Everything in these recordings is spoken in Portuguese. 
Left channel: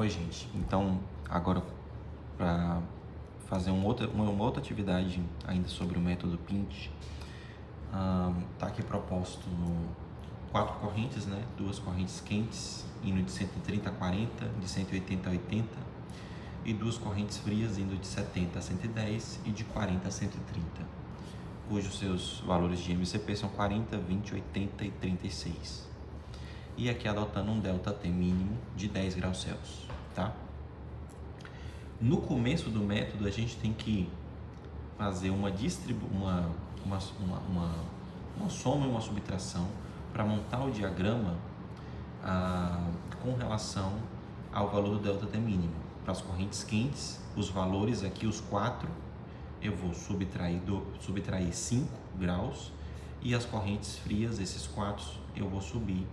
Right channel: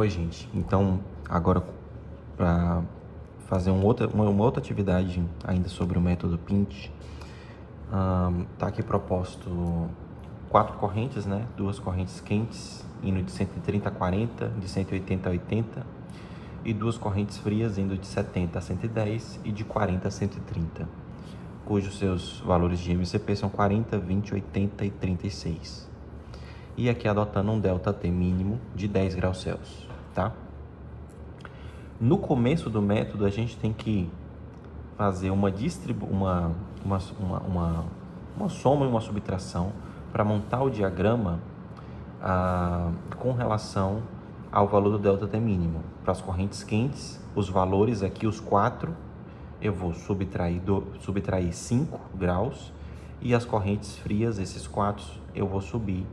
Oi, gente. Então, agora para fazer uma outra atividade ainda sobre o método Pinch, tá aqui proposto 4 correntes, né? 2 correntes quentes, indo de 130 a 40, de 180 a 80, e 2 correntes frias, indo de 70 a 110 e de 40 a 130, cujos seus valores de MCP são 40, 20, 80 e 36. E aqui adotando um ΔT mínimo de 10 graus Celsius, tá? No começo do método, a gente tem que fazer uma soma e uma subtração para montar o diagrama com relação ao valor do ΔT mínimo. Para as correntes quentes, os valores aqui, os 4, eu vou subtrair 5 graus, e as correntes frias, esses 4, eu vou subir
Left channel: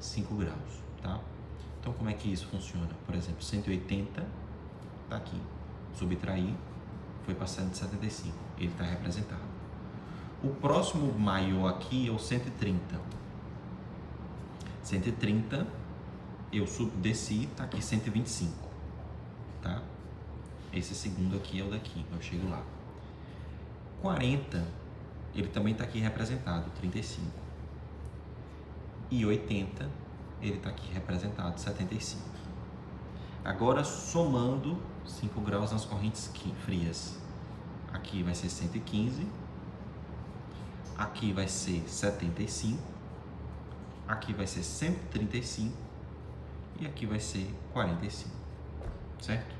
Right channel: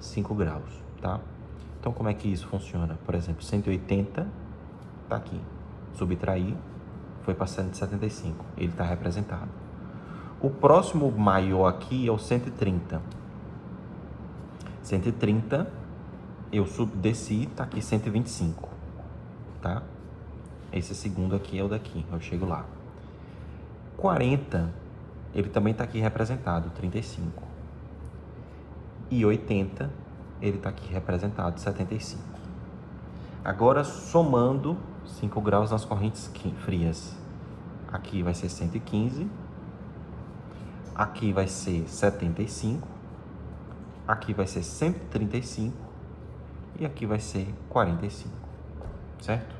5 graus, tá? Então, como é que isso funciona? Por exemplo, 180 está aqui, subtrair, foi para 175, ele está representado. O próximo maior aqui é o 130. 130, eu desci, está aqui 125, tá? Esse segundo aqui é o daqui, eu chego lá. 40, ele também está aqui representado, 35. E 80, ele está aqui representado, 75. Agora, somando 5 graus nas correntes frias. Aqui vai ser 115, aqui vai ser 75, aqui vai ser 135 e aqui vai ser 45, certo?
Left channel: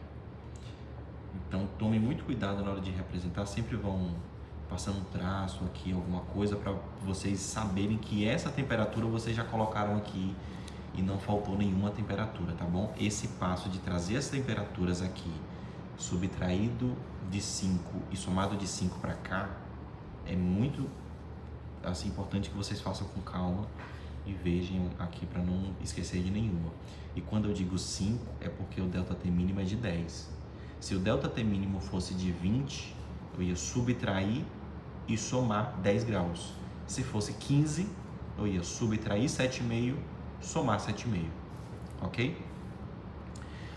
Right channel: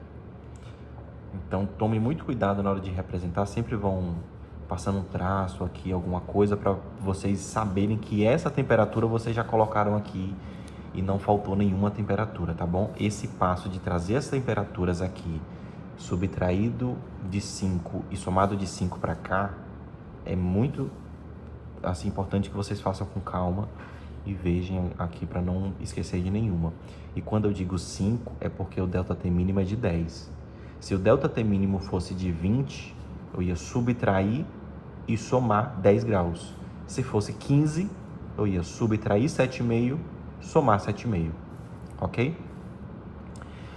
Então, tome muito cuidado na hora de representar, sempre vão passando um traço aqui, alguma coisa, para vocês saberem que essa temperatura vocês já colocaram aqui e não faltou nenhuma temperatura, tá bom? Esse passo de trazer as temperaturas aqui, subtraído de 5 e somado de 5 para cá, é muito assim, importante que vocês façam com calma e vejam aqui para não esquecer de nenhuma. E quando eu digo 5, é porque o ΔT mínimo é de 10. Se o ΔT mínimo fosse de 20, eu ia subtrair e somar 10 graus. Se fosse 15, eu ia subtrair 7,5, somar 7,5, ok?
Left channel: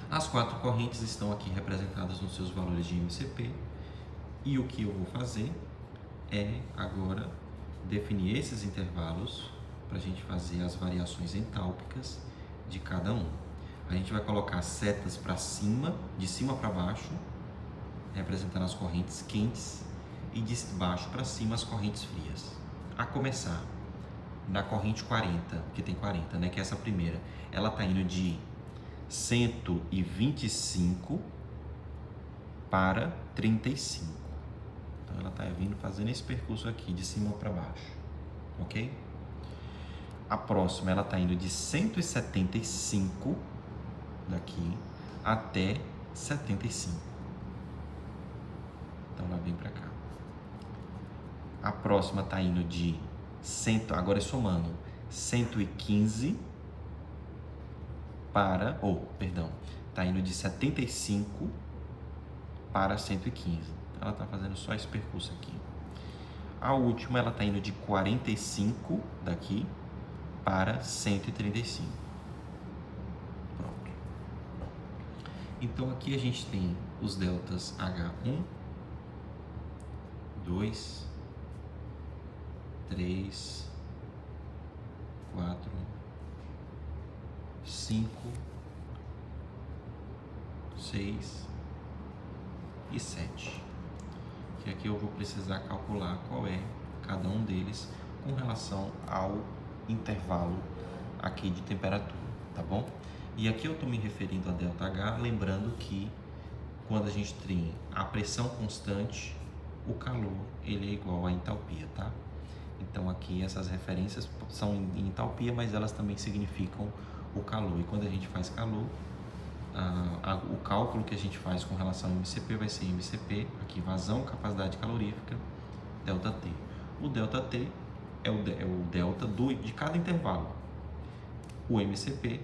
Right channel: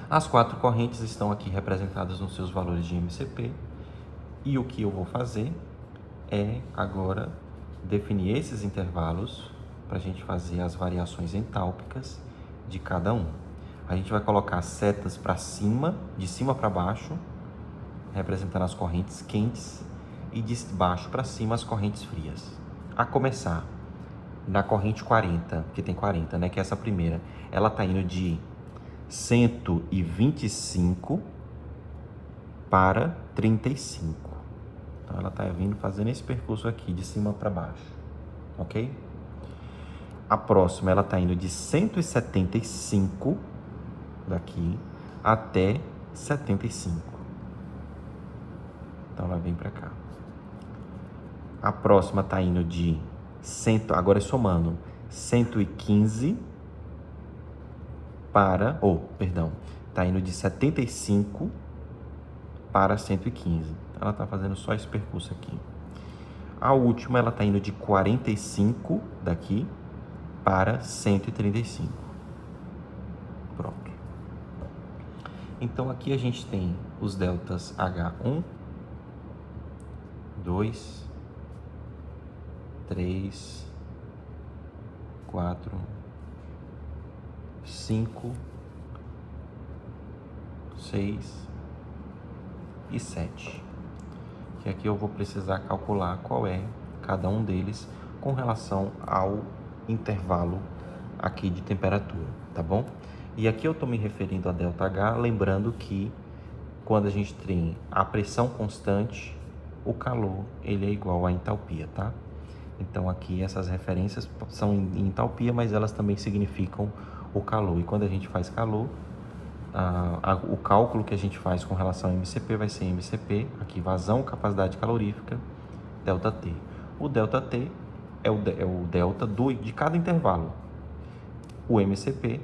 As 4 correntes estão aqui representadas nos seus valores de MCP, e o que eu vou fazer é agora definir esses intervalos para a gente fazer as variações entálpicas de cada um. A gente vai colocar setas para cima, de cima para baixo, representando as correntes quentes, e de baixo para cima as correntes frias. A começar na corrente 40, que tem 40, né, que é essa primeira, ela está indo de 125 para 35. Então ela está vindo fazendo esse percurso aqui de cima para baixo, ok? A próxima ela está indo de 175 daqui até 75. Então ela vem para cá. A próxima está indo de agora somando 115 para, está indo de 75 para 115. Ela está fazendo só esse percurso aqui. A última, ela está indo de 45 daqui para 135. Pronto. Então, aqui a gente tem os deltas H1, 2, 3, 4, 5, 6 e 7. Que aqui eu vou precisar calcular qual é cada um deles com relação ao intervalo aqui de temperatura, tá bom? E aqui eu estou me referindo a ΔH, lembrando que quando a gente tem a pressão constante, o calor ele é igual à entalpia, tá? Então aqui essas referências são em entalpia, mas elas também significam o calor. E quando a gente faz calor, o cálculo que a gente faz com relação ao MCP vai ser MCP, aqui vazão, capacidade calorífica, ΔT. O ΔT é o delta de cada intervalo. O MCP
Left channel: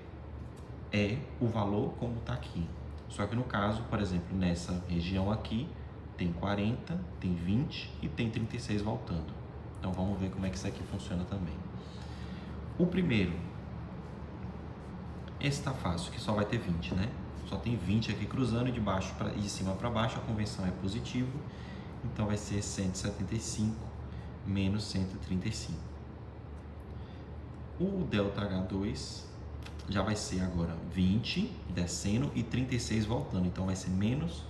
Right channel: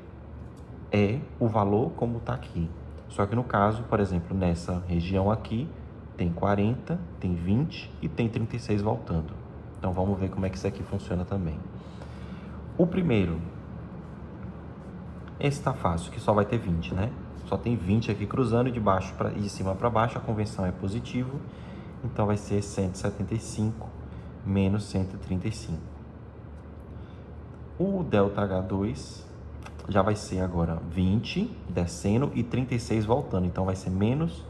é o valor como está aqui. Só que no caso, por exemplo, nessa região aqui, tem 40, tem 20 e tem 36 voltando. Então vamos ver como é que isso aqui funciona também. O primeiro, esse está fácil, que só vai ter 20, né? só tem 20 aqui cruzando e de cima para baixo, a convenção é positivo. Então vai ser 175 menos 135. O ΔH2 já vai ser agora 20 descendo e 36 voltando. Então vai ser menos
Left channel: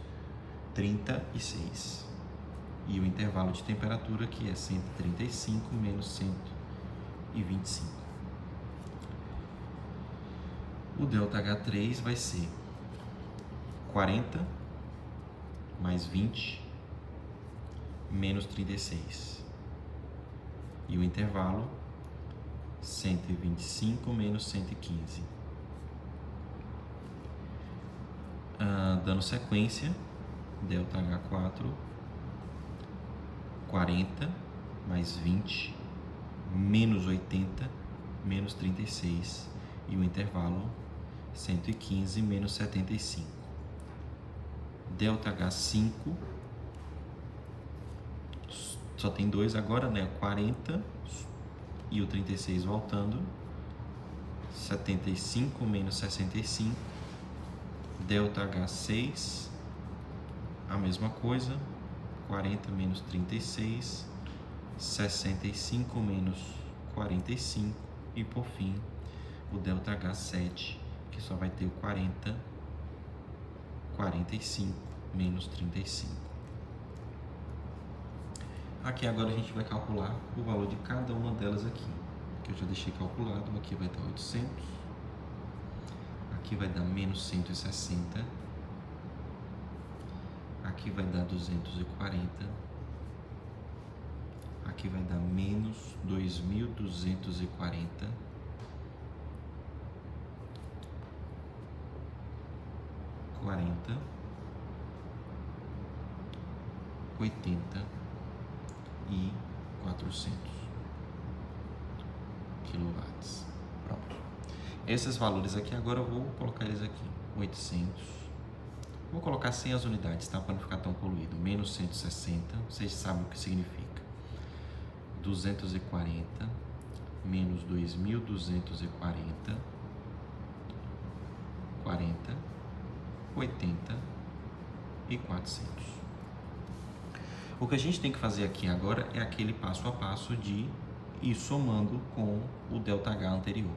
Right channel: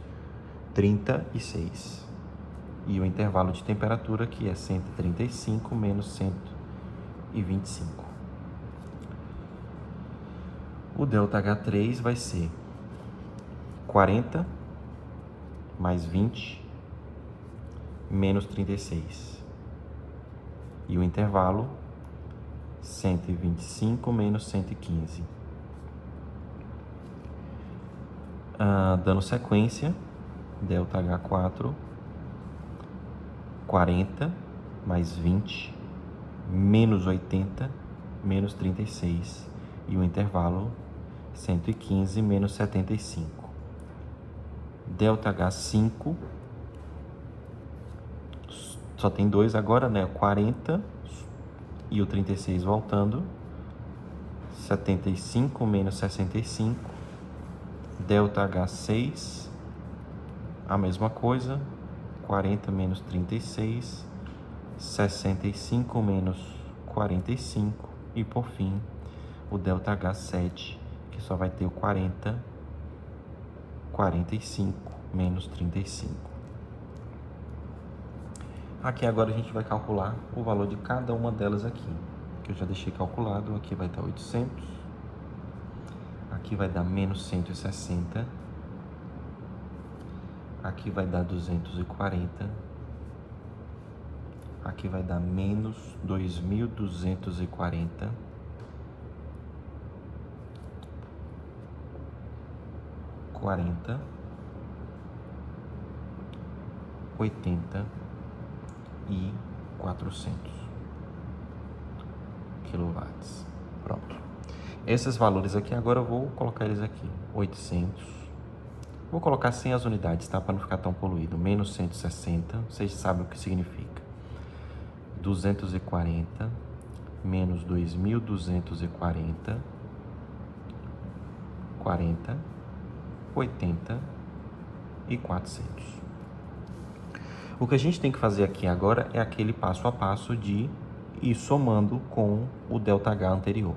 36. E o intervalo de temperatura aqui é 135 menos 125. O ΔH3 vai ser 40 mais 20 menos 36. E o intervalo 125 menos 115. Dando sequência, ΔH4, 40 mais 20 menos 80 menos 36. E o intervalo 115 menos 75. ΔH5, só tem 2 agora, né? 40 e o 36 voltando. 75 menos 65. ΔH6, a mesma coisa. 40 menos 36. 65 menos 45. E por fim, o ΔH7, que só vai ter o 40, 45 menos 35. Aqui agora a gente vai calcular o valor de cada uma delas aqui, que eu já deixei calculado. Aqui vai dar 800, aqui vai dar menos 160, aqui vai dar 240, aqui vai dar menos 2.240, (40), 80 e 400 quilowatts. Pronto. Esses valores aqui agora eu vou colocar eles aqui. 800. Vou colocar sem as unidades, tá? Para não ficar tão poluído. Menos 160. Vocês sabem o que significa. 240 menos 2.240. 40, 80 e 400. O que a gente tem que fazer aqui agora é aquele passo a passo de ir somando com o ΔH anterior.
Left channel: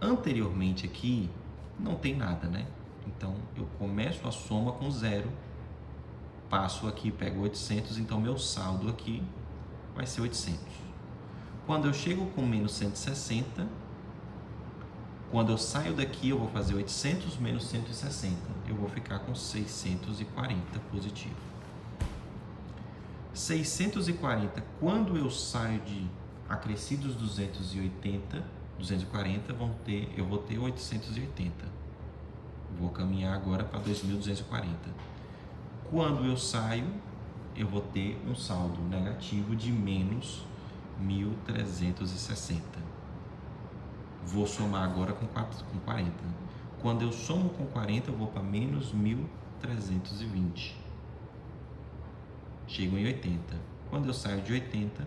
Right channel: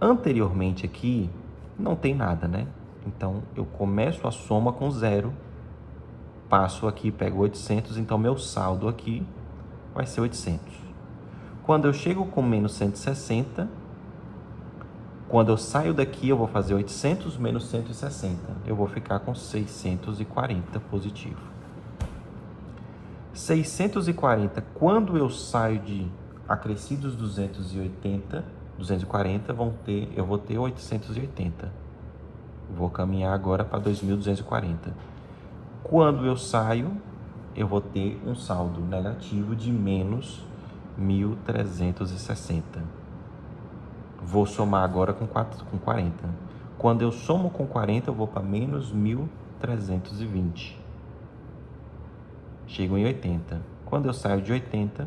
Anteriormente aqui não tem nada, né? Então eu começo a soma com 0, passo aqui, pego 800, então meu saldo aqui vai ser 800. Quando eu chego com menos 160, quando eu saio daqui eu vou fazer 800 menos 160, eu vou ficar com 640 positivo. 640, quando eu saio de acrescidos 240, eu vou ter 880. Vou caminhar agora para 2.240. Quando eu saio, eu vou ter um saldo negativo de menos 1.360. Vou somar agora com 40. Quando eu somo com 40, eu vou para menos 1.320. Chego em 80. Quando eu saio de 80,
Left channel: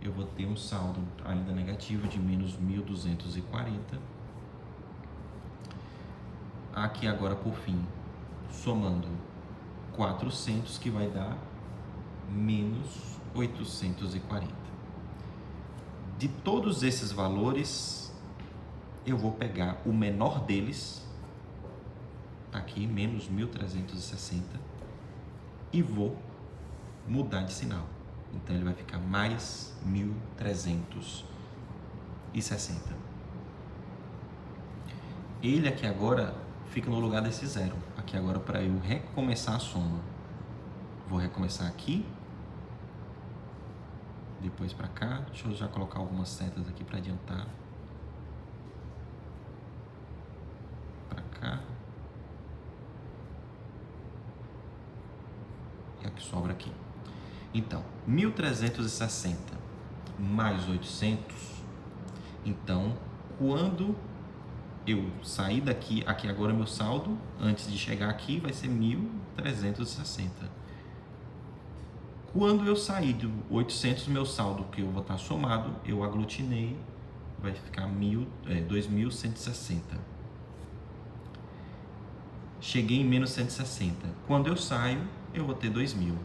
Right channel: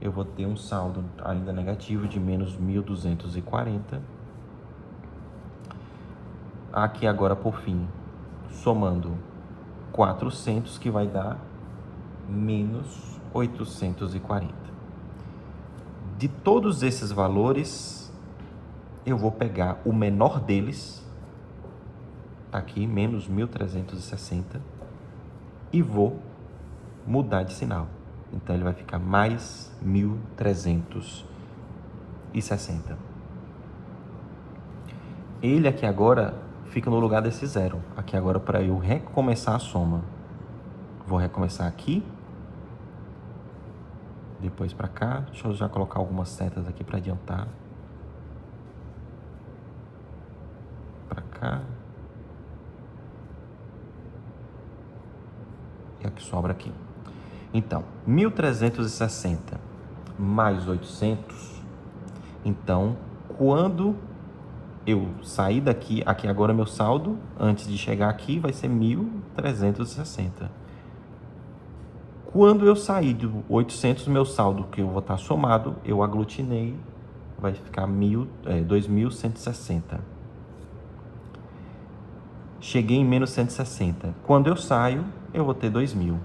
eu vou ter um saldo ainda negativo de menos 1.240. Aqui agora, por fim, somando 400, que vai dar menos 840. De todos esses valores, eu vou pegar o menor deles, tá aqui, menos 1.360, e vou mudar de sinal. Então ele vai ficar mais 1.360. Ele aqui agora fica no lugar desse 0. Aqui agora, para eu recomeçar a soma, vou recomeçar aqui, depois para cá. Deixa eu já colocar algumas setas aqui para adiantar. Para cá. E aqui sobra aqui. Então, 1.360 mais 800. Então, quando eu sair daqui, aqui agora meu saldo, antes de chegar aqui, vai ser 1.360. Quando eu sair de 800, meu saldo, que eu vou estar somado, eu aglutinei, vai ficar 2.160. Cheguei em menos 160. Quando eu saio, eu vou ter 2.000.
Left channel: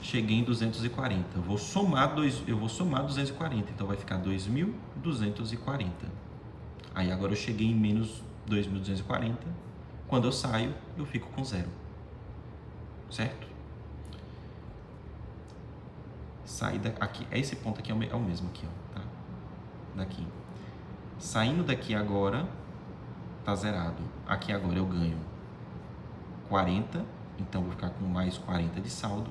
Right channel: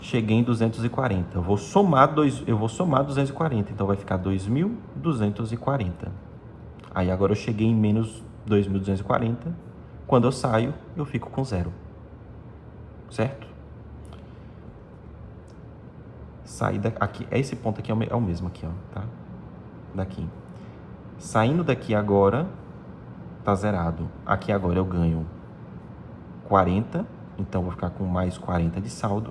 Cheguei em 240. Eu vou somar 240. Então vai ficar 2.240. Aí agora eu cheguei em menos 2.240. Quando eu saio, eu fico com zero. Certo? Sair daqui. Esse ponto aqui é o mesmo aqui, ó, tá? Daqui. Saindo daqui agora, tá zerado. Aqui agora eu ganho 40, então vou ficar com mais 40 de saldo.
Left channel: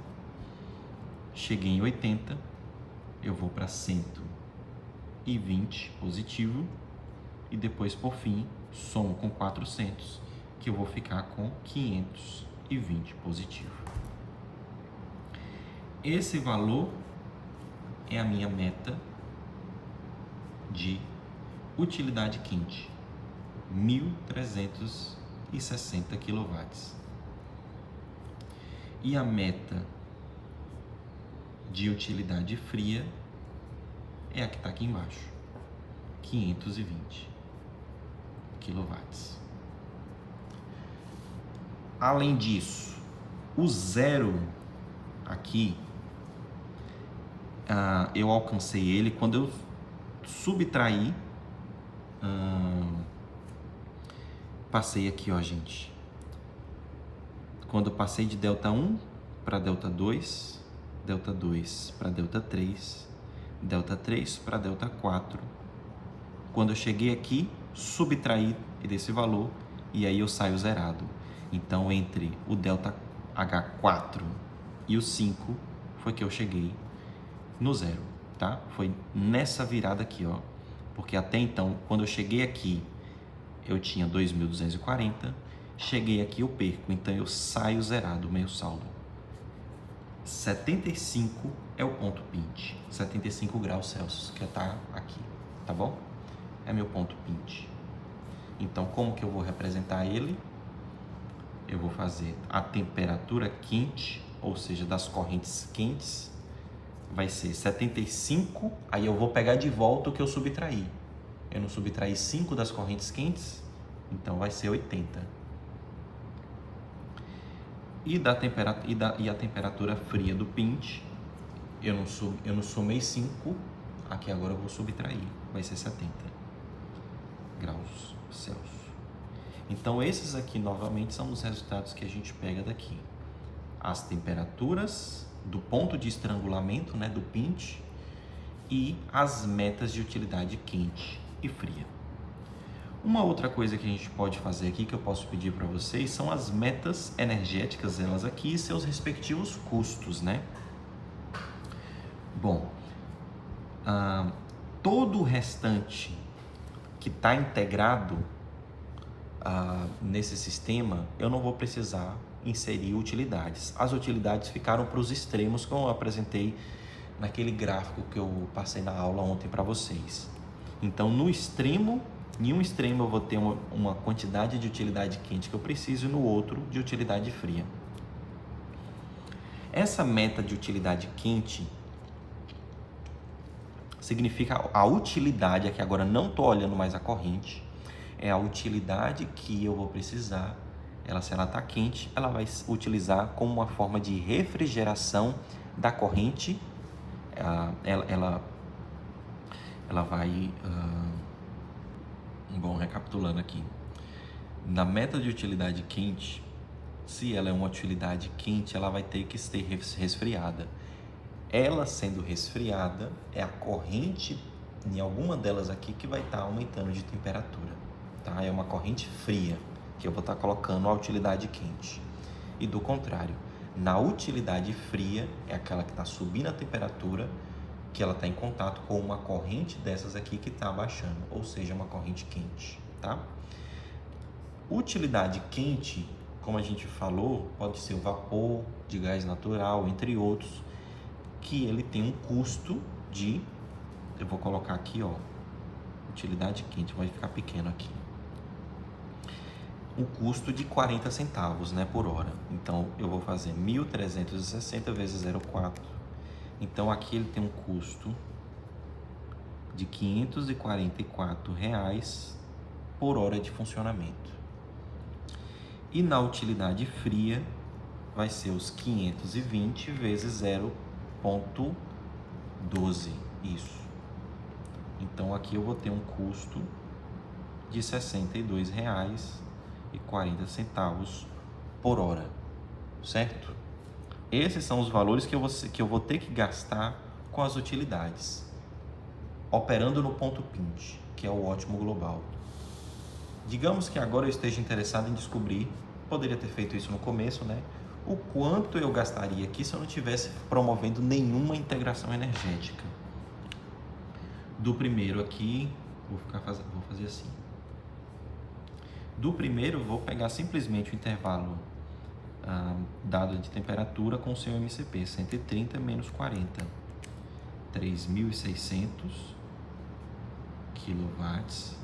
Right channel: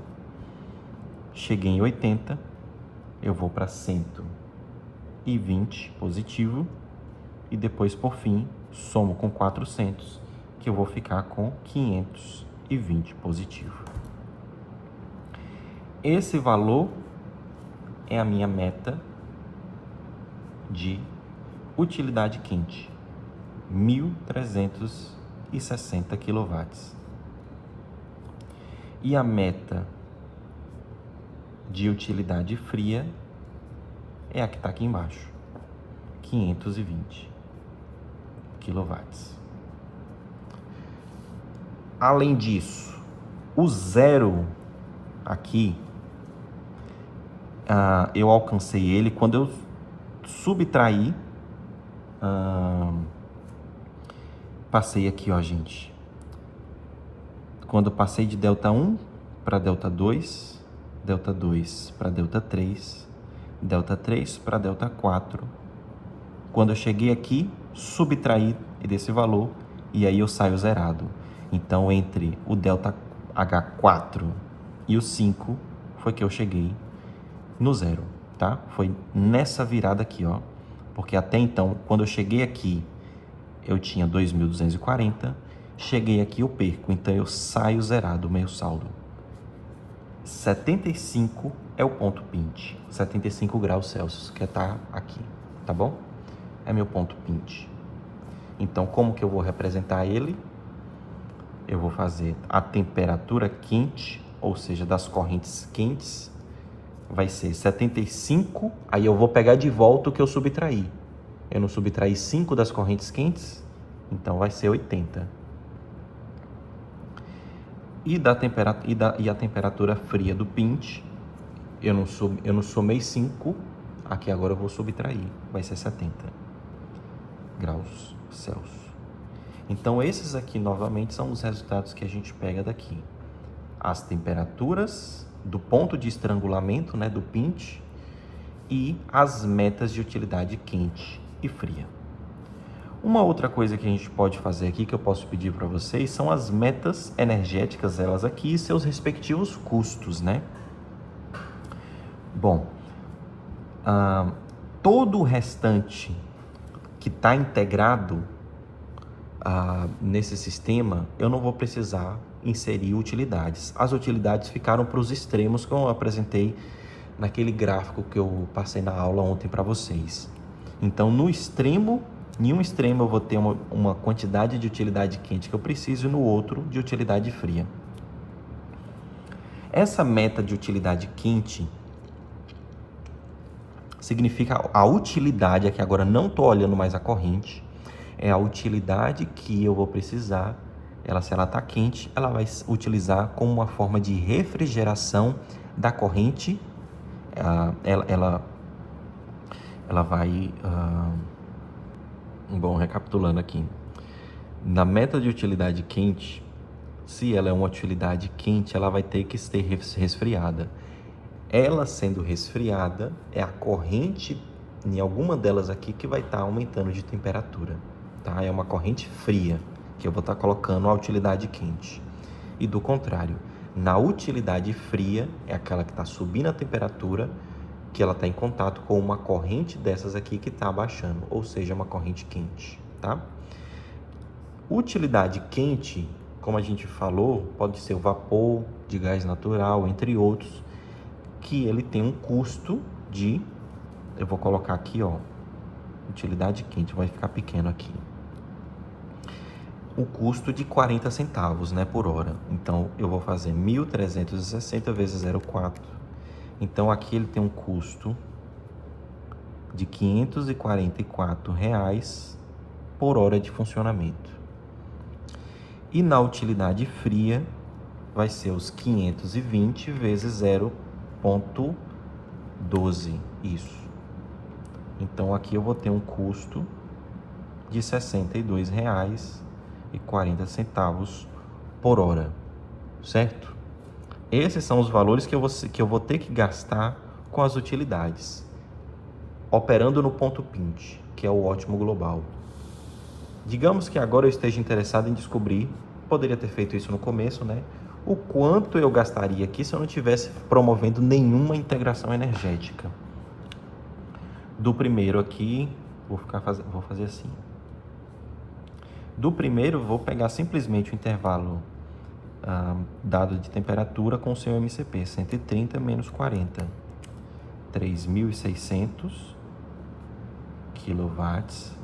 Cheguei em 80, eu vou para 120 positivo e depois, por fim, somo com 400, que eu vou ficar com 520 positivo. Esse valor é a minha meta de utilidade quente, 1.360 kW. E a meta de utilidade fria é a que está aqui embaixo, 520 kW. Além disso, o zero aqui, eu alcancei ele quando eu subtraí, passei aqui, ó, gente. Quando eu passei de delta 1 para delta 2, delta 2 para delta 3, delta 3 para delta 4. Quando eu cheguei aqui, subtraí desse valor e aí eu saio zerado. Então, entre o delta H4 e o 5 foi que eu cheguei no zero, tá? Foi nessa virada aqui, ó. Porque até então, quando eu cheguei aqui, eu tinha 2.240. Cheguei aqui, eu perco. Então, eu saio zerado, meu saldo. 75 é o ponto pint. 75 graus Celsius, que tá aqui, tá bom? É meu ponto pint. Então, como que eu vou representar ele? Eu vou fazer a temperatura quente, ou seja, das correntes quentes, vai ser 75, aí eu vou pegar de volta o que eu subtraí. Eu não subtraí 5 das correntes quentes, então vai ser 80. E a temperatura fria do pint, eu não somei 5, aqui agora eu vou subtrair, vai ser 70 graus Celsius. Então, esses aqui, novamente, são os resultados que a gente pega daqui. As temperaturas do ponto de estrangulamento, né, do pint, e as metas de utilidade quente e fria. Uma outra coisa que a gente pode fazer aqui, que eu posso pedir para vocês, são as metas energéticas, elas aqui, e seus respectivos custos, né? Bom, todo o restante que está integrado nesse sistema, eu não vou precisar inserir utilidades. As utilidades ficaram para os extremos que eu apresentei naquele gráfico que eu passei na aula ontem para vocês. Então, em um extremo eu vou ter uma quantidade de utilidade quente que eu preciso e no outro de utilidade fria. Essa meta de utilidade quente significa a utilidade, aqui agora não estou olhando mais a corrente, é a utilidade que eu vou precisar. Se ela está quente, ela vai utilizar como uma forma de refrigeração da corrente. Ela vai... Bom, recapitulando aqui. Na meta de utilidade quente, se ela é uma utilidade quente, ela vai ter que ser resfriada. Ela sendo resfriada, é a corrente, em alguma delas aqui, que vai estar aumentando de temperatura. Tá? É uma corrente fria, que eu vou estar colocando a utilidade quente. E do contrário, na utilidade fria, é aquela que está subindo a temperatura, que ela está em contato com uma corrente dessas aqui que está abaixando, ou seja, uma corrente quente, tá? Utilidade quente, como a gente falou, pode ser o vapor de gás natural, entre outros, que ele tem um custo de, eu vou colocar aqui, ó, utilidade quente, vai ficar pequeno aqui, o custo de 40 centavos, né, por hora. Então, eu vou fazer 1.360 vezes 0,4. Então, aqui ele tem um custo de R$ 544 por hora de funcionamento. E na utilidade fria vai ser os 520 vezes 0,12, isso. Então aqui eu vou ter um custo de R$ 62,40 por hora, certo? Esses são os valores que eu vou ter que gastar com as utilidades, operando no ponto PINT, que é o ótimo global. Digamos que agora eu esteja interessado em descobrir, poderia ter feito isso no começo, né? O quanto eu gastaria aqui se eu não estivesse promovendo nenhuma integração energética. Do primeiro aqui, vou fazer assim. Do primeiro, vou pegar simplesmente o intervalo dado de temperatura com o seu MCP, 130 menos 40, 3.600 kW.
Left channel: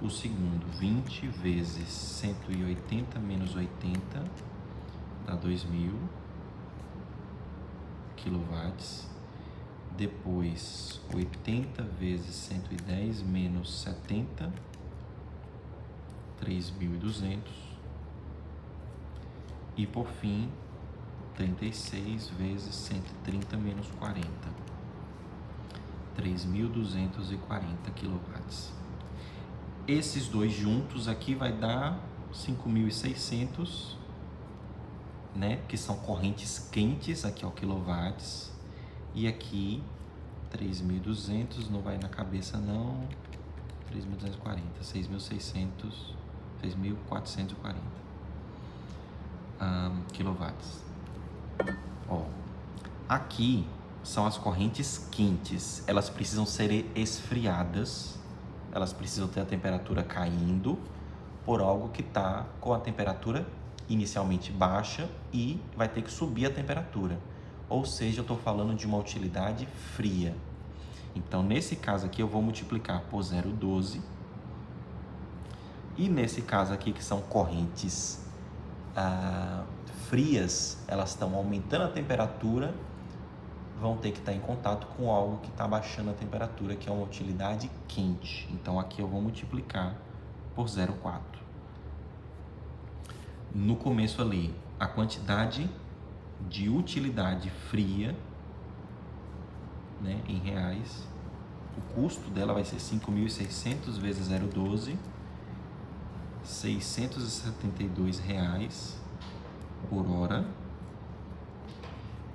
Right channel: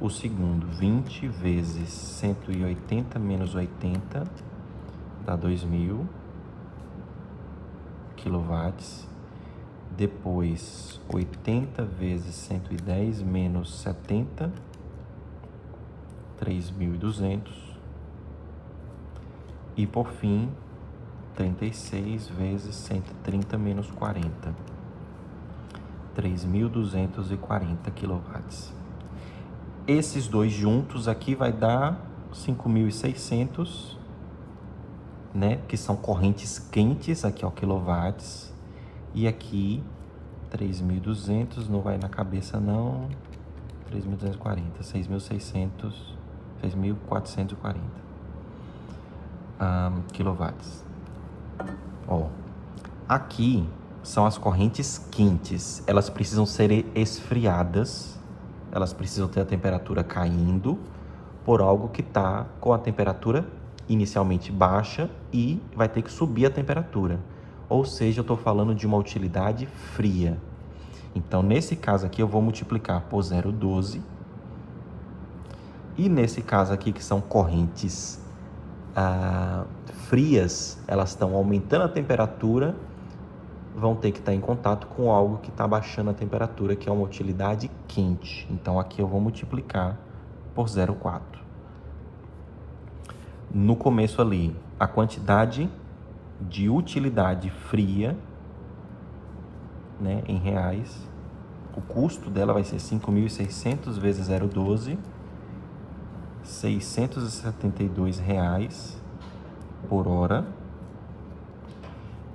O segundo, 20 vezes 180 menos 80, dá 2.000 kW. Depois, 80 vezes 110 menos 70, 3.200. E por fim, 36 vezes 130 menos 40, 3.240 kW. Esses dois juntos aqui vai dar 5.600, né? Que são correntes quentes, aqui ó, quilowatts. E aqui 3.200, não vai na cabeça não, 3.240, 6.600, 6.440 quilowatts. Ó, aqui são as correntes quentes, elas precisam ser esfriadas, elas precisam ter a temperatura caindo por algo que está com a temperatura inicialmente baixa e vai ter que subir a temperatura. Ou seja, eu estou falando de uma utilidade fria. Então, nesse caso aqui, eu vou multiplicar por 0,12. E nesse caso aqui, que são correntes frias, elas estão aumentando a temperatura, vão ter que estar em contato com algo que está baixando a temperatura, que é uma utilidade quente. Então, aqui eu vou multiplicar por 0,4. No começo ali, a quantidade de utilidade fria, né, em reais, o custo dela vai ser 5.600 vezes 0,12, R$ 672 por hora.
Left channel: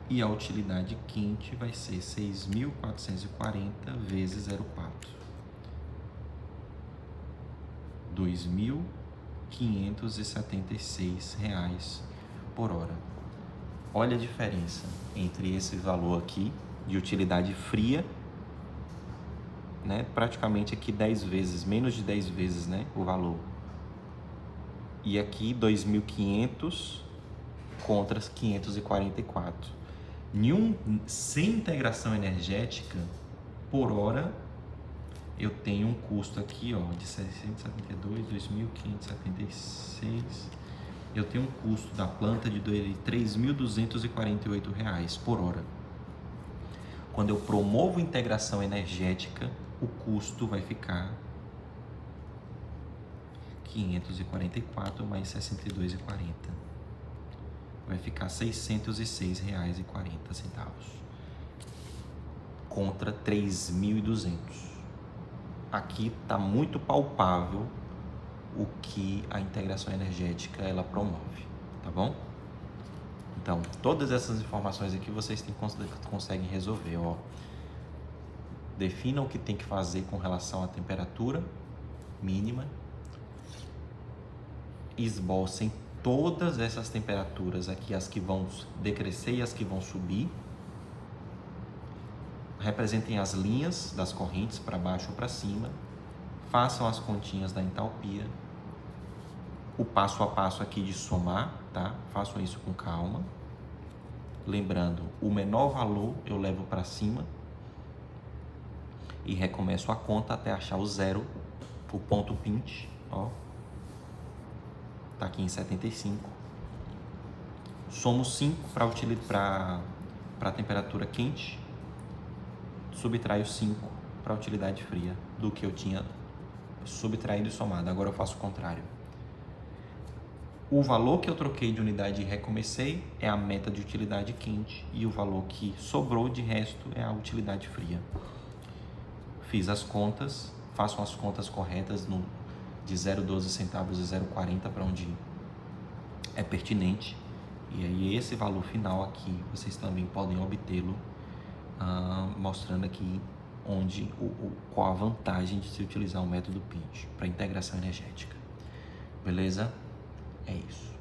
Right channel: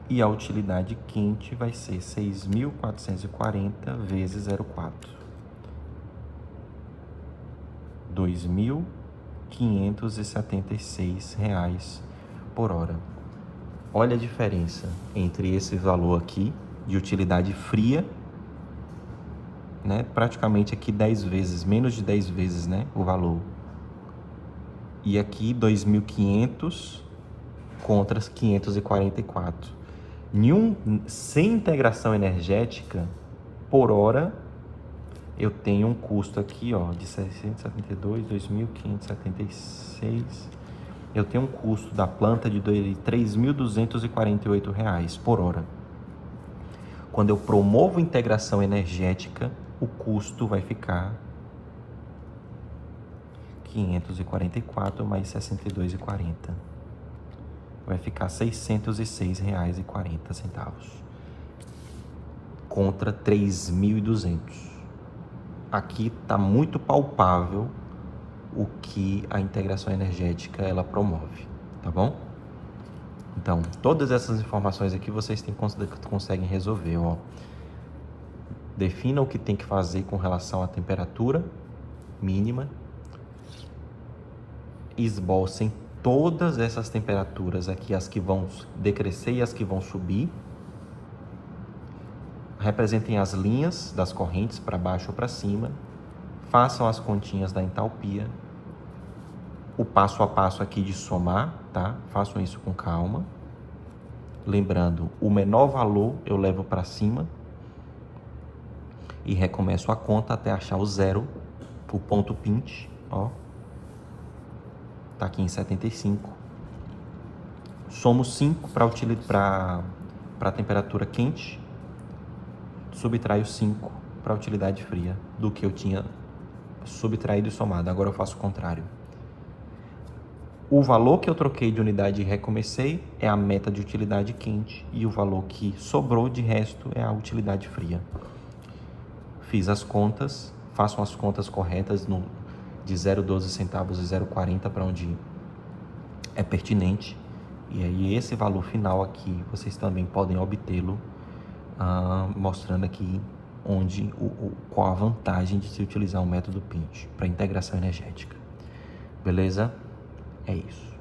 E a utilidade quente vai ser 6.440 vezes 0,4, R$ 2.576 por hora. Olha a diferença entre esse valor aqui de utilidade fria, né? Praticamente aqui 10 vezes, menos de 10 vezes, né, o valor. E aqui 2.500 contra 544. Sem integração energética, por hora, eu tenho um custo aqui, ó, de 672, 2.576. Eu tenho um custo da planta de R$ 3.248 por hora. Quando eu promovo integração energética, o custo vai ficar 544 mais 62,40. Vai ficar R$ 606,40 contra 3.200. Aqui está muito palpável o que a integração energética ela promove, tá bom? Então, todas essas informações aqui vocês conseguem resolver, ó. Defina o que tem que fazer com relação à temperatura mínima, esbocem todas essas temperaturas aqui, as que vão decrescer e as que vão subir. Representem as linhas das correntes para baixo ou para cima. Façam as continhas da entalpia. O passo a passo aqui de somar, tá? Façam isso com calma. Lembrando, o menor valor eu levo para cima e recomeço a conta até achar o zero, o ponto PINT, ó. Tá aqui em 75. Somo 5 para a temperatura quente, subtraio 5 para a utilidade fria do que eu tinha subtraído e somado. Agora eu faço o contrário. O valor que eu troquei de unidade e recomecei é a meta de utilidade quente e o valor que sobrou de resto é a utilidade fria. Fiz as contas, façam as contas corretas de 0,12 centavos e 0,40 para onde é pertinente. E aí esse valor final aqui vocês também podem obtê-lo mostrando aqui qual a vantagem de se utilizar o método Pinch para integração energética. Beleza? É isso.